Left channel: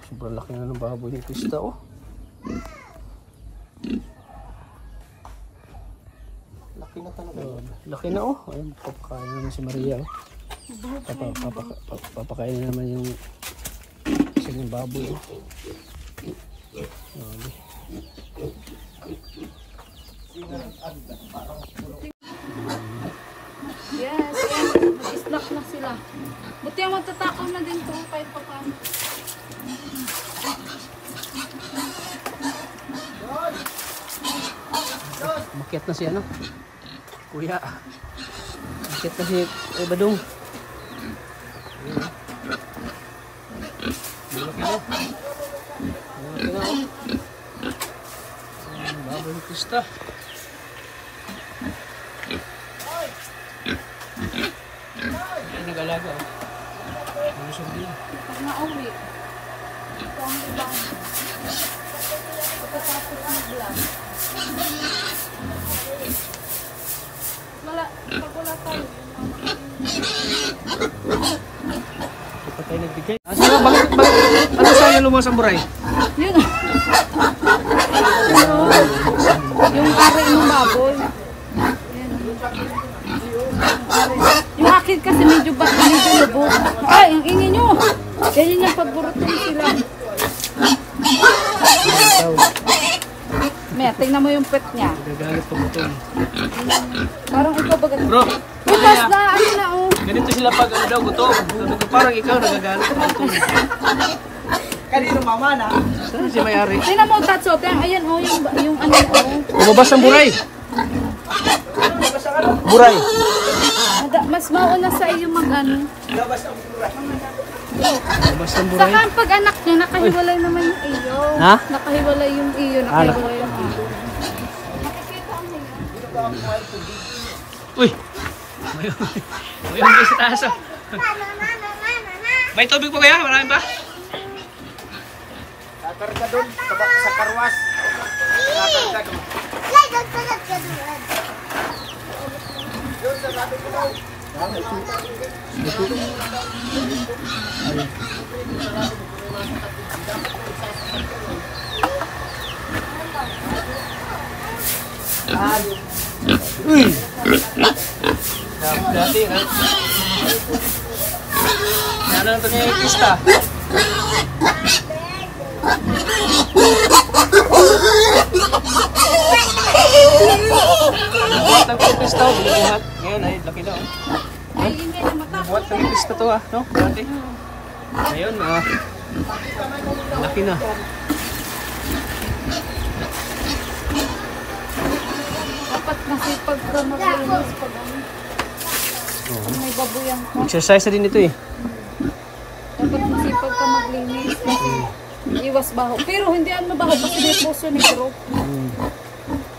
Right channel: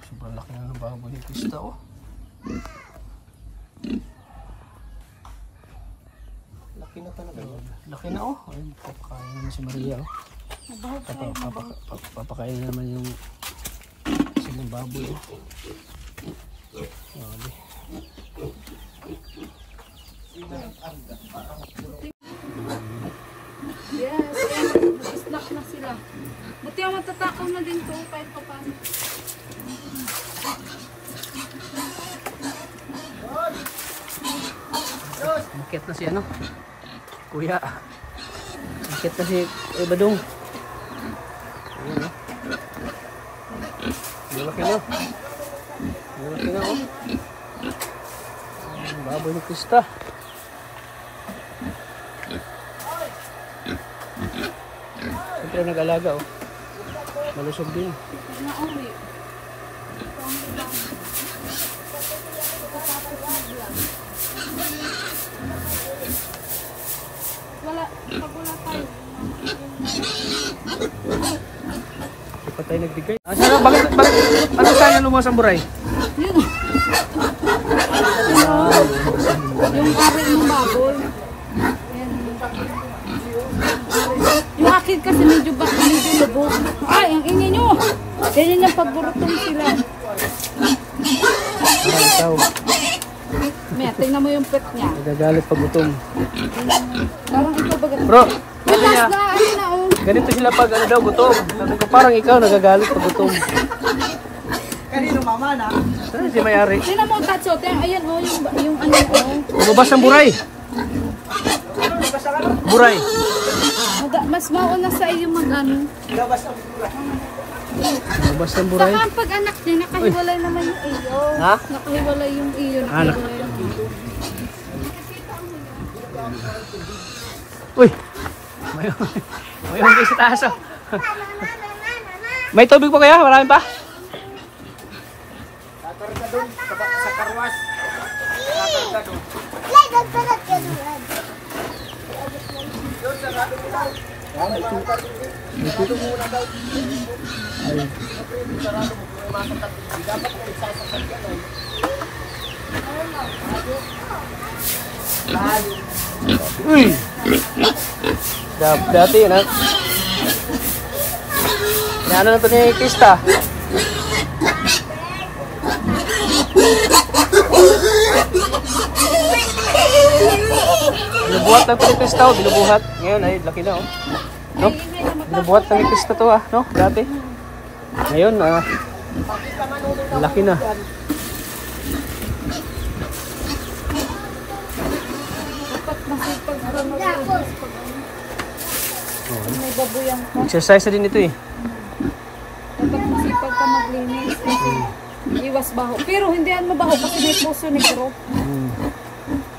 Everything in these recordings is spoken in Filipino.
Sobrang laki na ng baboy ni Krista, oh. Laki na talaga. Laki na, oh. Ayun, papakain naman si Maria, oh. Papakain naman yung baboy, oh. Yes, mag-slack na sila. Buti ang matatakaw na din kung kahit pa paano. Makiat na si ano? Kuya. Makiat na si Badong. Ayan, oh. Malaki na. Malaki na, oh. Baboy ni Krista. Siyempre nag-alaga, oh. Malusog din. Pag nauwi, ito ang ibang. Pagkatapos mag-vlog. Pag wala tayo. Hindi pa tayo nagbigay. Sana, bakit? Ano sa'yo lumos ang buray? Yun. Yung ari ng baboy. Yan. Yung akin kasi medyo lubog. Ay, ang ingay nyo. Ganyan yung paborotong sila. Ikaw, Maya, tingnan mo yung pet niya. nagagalit pa gutom. Parang ikaw bagat. Bro, Bukas na, ano na oh. ganito sila pag ano daw gutom. Sabi ko, parang ikaw nagagalit pa gutom. Kanino mama na? Saan si may-ari? Tingnan mo, Tatso. Ayan oh, yung ano oh. Lumabas ang buray. Buray. Mas mauna sa iyo mag-ano. Labas ang buray. Lumabas ang buray. Saka ang pag-anak niya, nakahiwalay naman yung iyo. Ha? Nakahiwalay yung iyo, nakahiwalay yung iyo. Uy! May unggoy sa taas, oh. May tubig pa kaya? Marami pa? Tatarga doon, sa karwas. Tatarga doon. Uy! Dati, na. Ano na ito ni Krista? Binubuhat ng Krista, oh. Binubuhat. Ngayon, ay, laki na, oh. No? Binubuhat ng Krista to, ah. No? Dati. Ngayon, laki na. Dapat masipag ka mag-release pag ano. Pag may babuyan ka. Exercise na din ito, eh. Dapat masipag ka maglinis. Iwas baho. Pero hindi ano baho kasi may puso negro.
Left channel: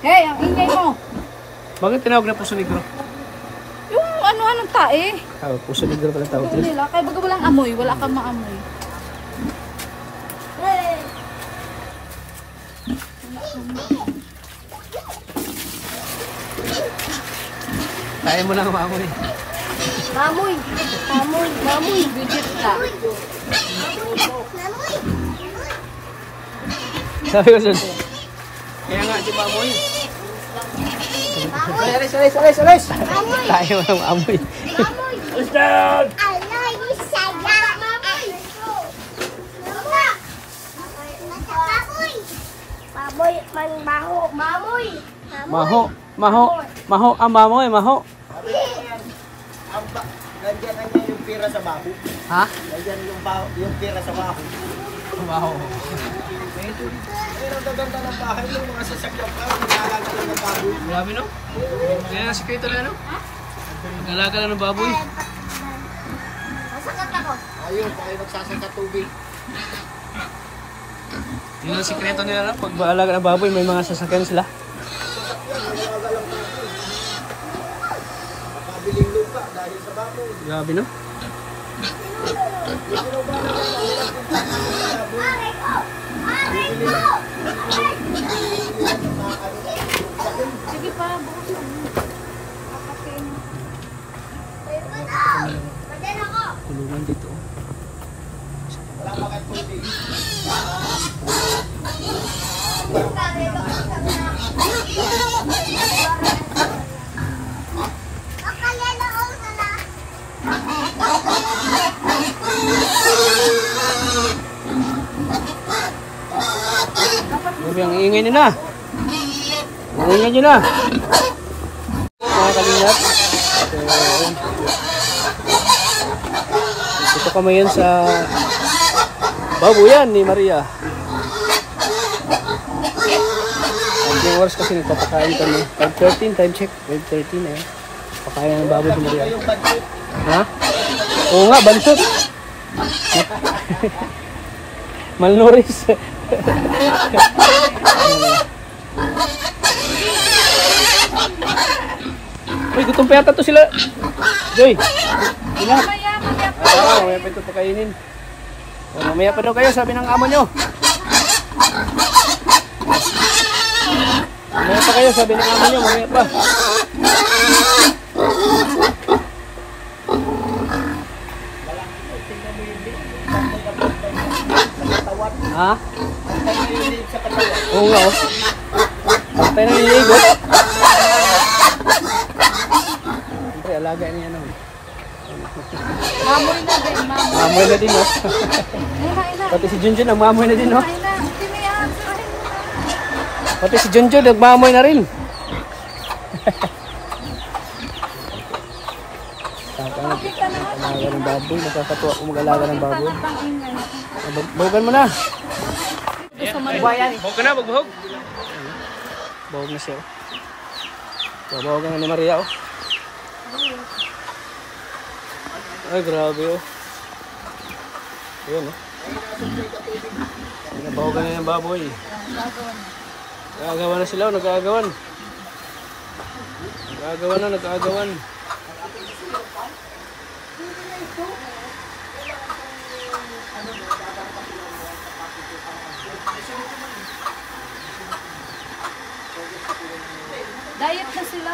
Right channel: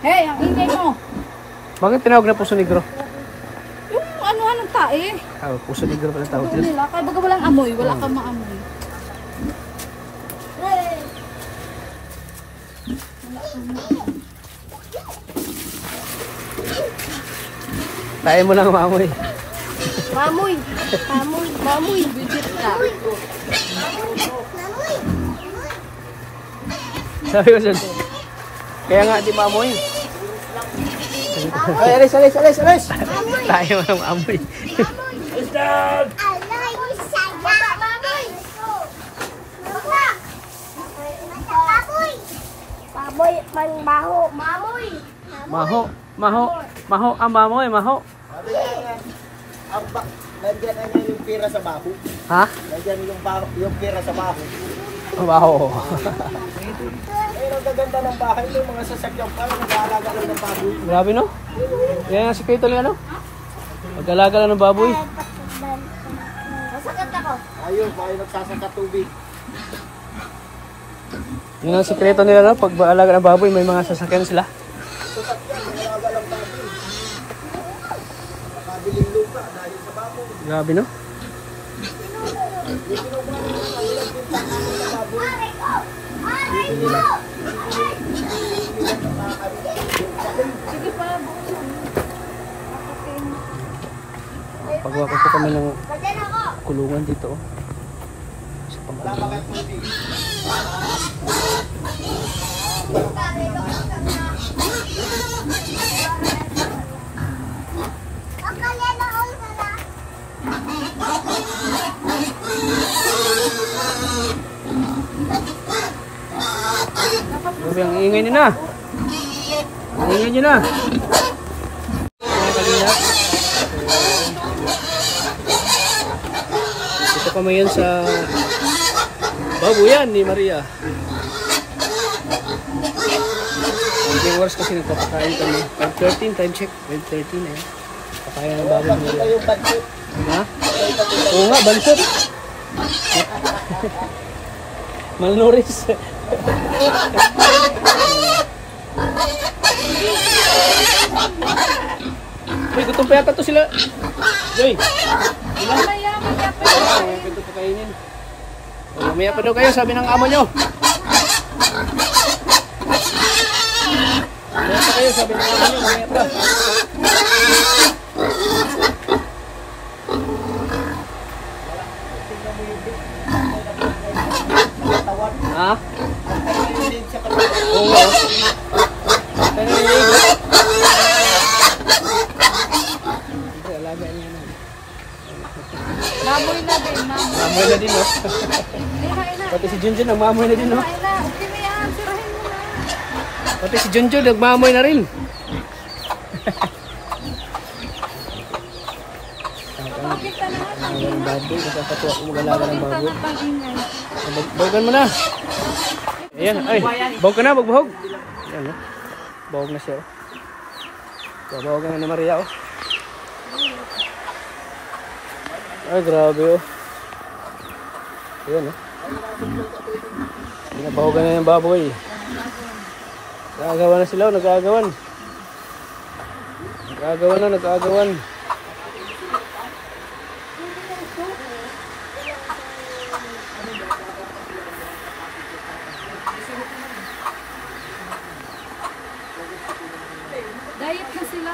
Hey, ang ingay mo. Bakit tinawag na puso negro? Yung ano-anong tae. Ah, puso negro pala tawag Ito nila. nila. Kaya baga walang amoy. Wala kang maamoy. Hey! Wala kang maamoy. Tayo mo lang maamoy. Mamoy. Mamoy. Mamoy. Bigit ka. Sabi ko dyan. Kaya nga di maamoy. Alis, alis, alis, alis! Tayo mo lang maamoy. Alis down! Baboy, manbaho, mamoy. Maho. Maho. Maho. Ang mamoy. Maho. Nandiyan na niya yung pira sa baho. Ha? Nandiyan yung pira sa baho. Maho. Ayun ang gaganda ng bahay yung mga sasakyan ka, nag-aalaga din ng baho. Grabe, no? Kaya nga sikreto nila, no? Mag-alaga lang ng baboy. Ayun, baka nagsasaka tubig. Yun ang sikreto nila, no? Pag mag-alaga ng baboy, may mga sasakyan sila. Nag-aalaga lang pala. Nakabiling lupa dahil sa baho. Grabe, no? Sige pa. Pagawa ko kami ng kulungan dito, oh. Sa pagkakas. Grabe ang ingay nyo na. Ang ingay nyo na. Mga kalingap. Ito kami yun sa babuyan ni Maria. Ang oras kasi nagpapakain kami. 5:13 time check. 5:13 eh. Pakain ng baboy ni Maria. Ha? Oo nga, bansot. Malnourished. Uy, gutong peta to sila. Joy. Ina. Ay, ito pakainin. O, mamaya pa daw kayo, sabi ng amo nyo. Mamaya pa kayo, sabi ng amo nyo. Mamaya pa. Ha? Oo. Tayo na niligo. Siyempre, alaga niya naman. Mamoy na din, mamoy. Mamoy na din, no? Ina. Pati si Junjun, nagmamoy na din, no? Ina, hindi mo yan. Sirahin mo na. Pati si Junjun, nagmamoy na rin. Bakit ka na nga? Alaga ng baboy. Nakakatuwa kung mag-alaga ng baboy. Pang ingay. Bawagan mo na. Ayan, ay, bawag ka na, bagbahog. Ayan, no? Bawag na siya, oh. Bawagan na ni Maria, oh. Ay, grabe, oh. Ayan, oh. Pinabawagan na yung baboy. Nagagawan na sila, oh. Nagagawan. Nagagawan na, nagagawan. Diet na sila.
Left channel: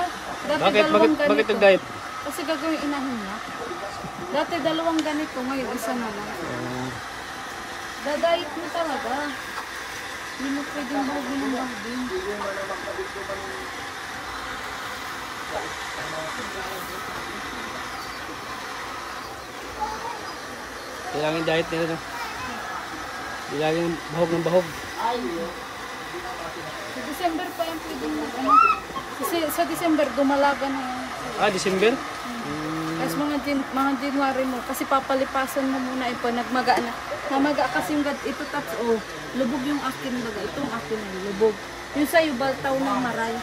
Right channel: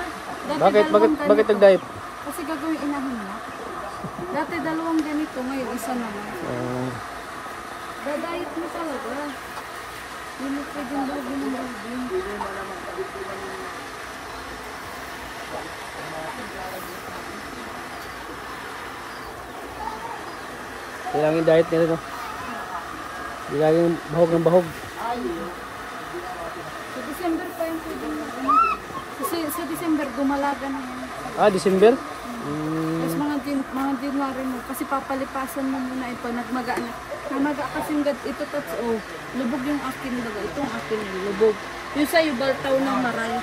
Dati Bakit dalawang ganito. nag-diet? Kasi gagawin inahin na. Dati dalawang ganito, ngayon isa naman. Na-diet mo talaga. Hindi mo pwedeng bahagin ng bahagin. Kailangan diet nila, no? Kailangan bahog ng bahog. Sa December pa yung pwedeng ano. Kasi sa December dumalaga na yan. Ah, December? Tapos mga January mo, kasi papalipasan mo muna ito, nagmaga na. Namaga kasi yung ito tats, oh, lubog yung akin baga. Itong akin ay lubog. Yung sa'yo, baltaw ng maray.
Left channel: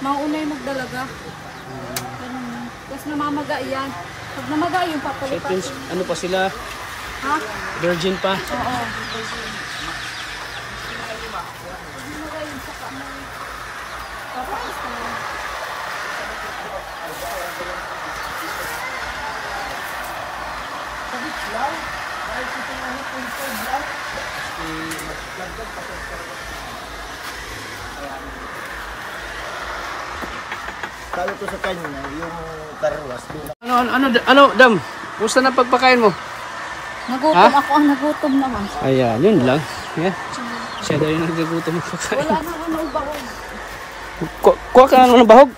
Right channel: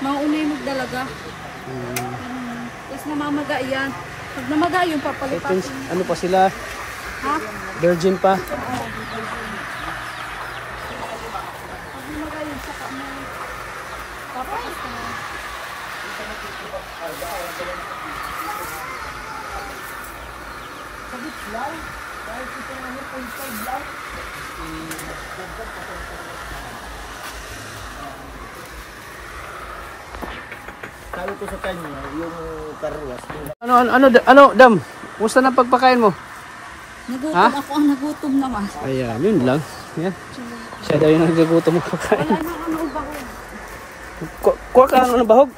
Mga una yung magdalaga. Tapos namamaga yan. Pag namaga yung Ito, papalipasan. ano pa sila? Ha? Virgin pa. Papakas ka na. Talo ko sa kanya, yung karwas. Ano, Dam? Kumusta na pagpakain mo? Nagutom Ha? ako, ang nagutom naman. Ayan, yun lang. Yan. Siya daw yung nagdagutom mo pagkain. Wala na ano ba? Kuha ka ng bahog.